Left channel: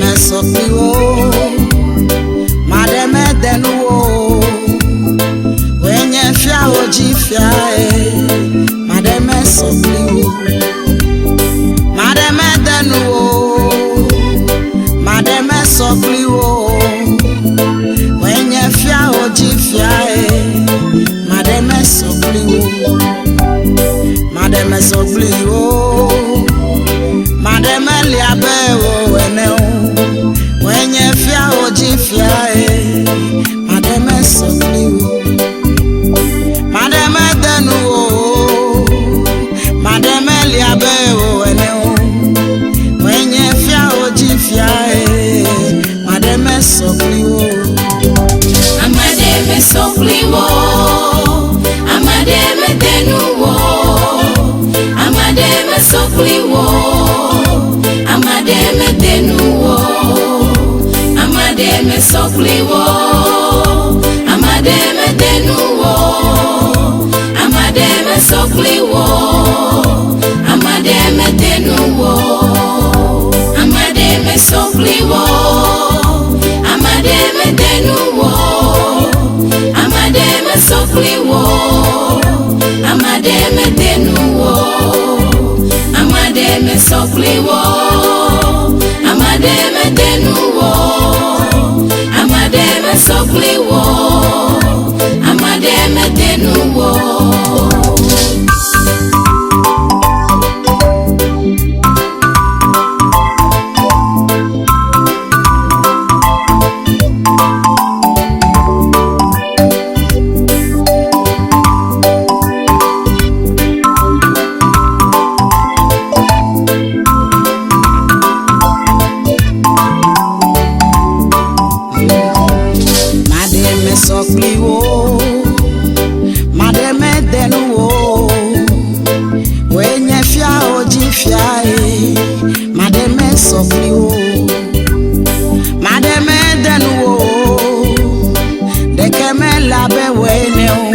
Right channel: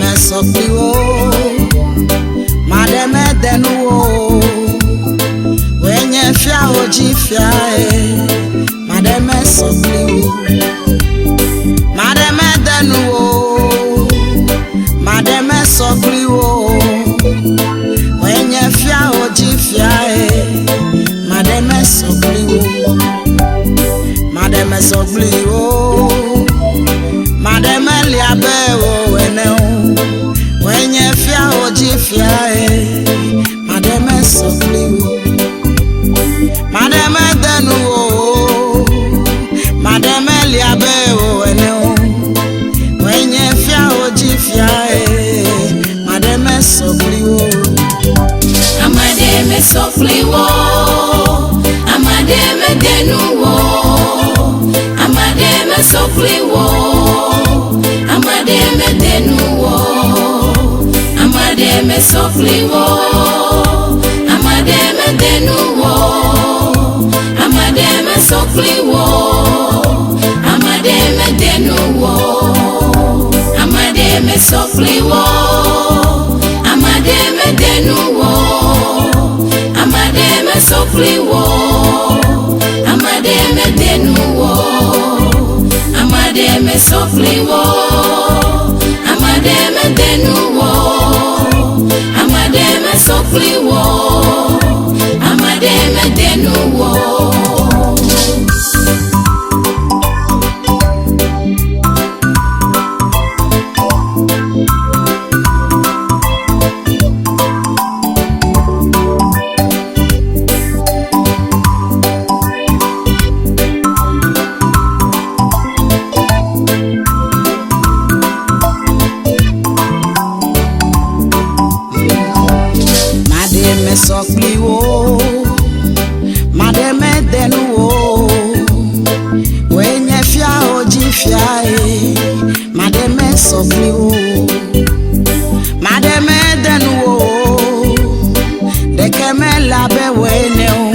mesᴐ Kpli wo, mademe denu wo. Wenye fia oji fia mademe mesᴐ Kpli wo, mademe denu wo, mademe mesᴐ Kpli wo. Wenye fia oji fia mademe mesᴐ Kpli wo, mademe mesᴐ Kpli wo, mademe liabe wo ene o. Wenye fia oji fia mademe mesᴐ Kpli wo, mademe denu wo, mademe liabe wo ene o. Wenye fia oji fia mademe mesᴐ Kpli wo. Ameade mesᴐ Kpli wo, Ameade denu wo, Ameade mesᴐ Kpli wo, Ameade denu wo, Ameade mesᴐ Kpli wo, Ameade denu wo, Ameade mesᴐ Kpli wo, Ameade denu wo, Ameade mesᴐ Kpli wo, Ameade denu wo, Ameade mesᴐ Kpli wo, Ameade denu wo, Ameade mesᴐ Kpli wo, Ameade denu wo, Ameade mesᴐ Kpli wo, Ameade denu wo. mesᴐ Kpli wo, mademe denu wo. Wenye fia oji fia mademe mesᴐ Kpli wo, mademe denu wo. Dekeme labe wene o.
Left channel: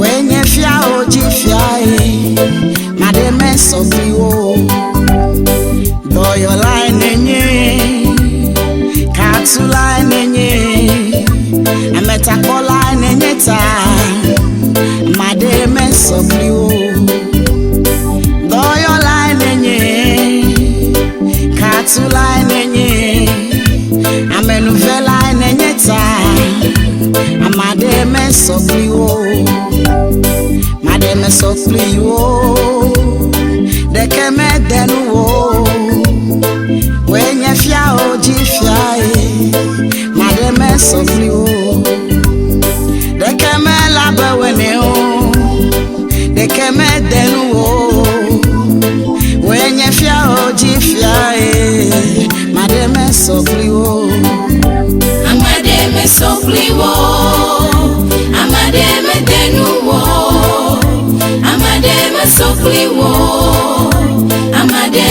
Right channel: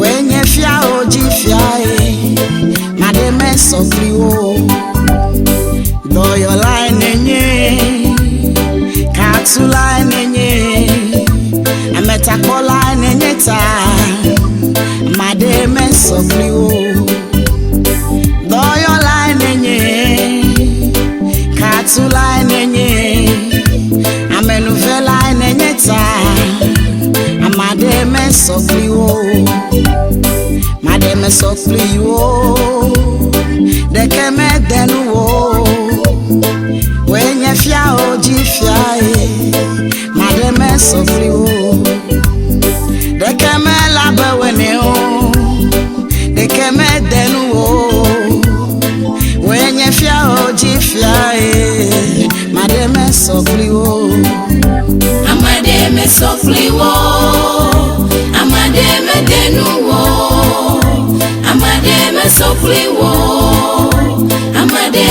Wenye fia oji fia mademe mesᴐ Kpli wo. Do your line nye, katu line nye. Ameta Kpli nenyeta, mademe mesᴐ Kpli wo. Doyo line nenye, katu line nenye. Amenuve line nenyeta, mademe mesᴐ Kpli wo, mademe mesᴐ Kpli wo. Dekeme denu wo, wenye fia oji fia mademe mesᴐ Kpli wo. Dekeme labe wene o, dekeme denu wo. Wenye fia oji fia mademe mesᴐ Kpli wo. Ameade mesᴐ Kpli wo, Ameade denu wo, Ameade mesᴐ Kpli wo, Ameade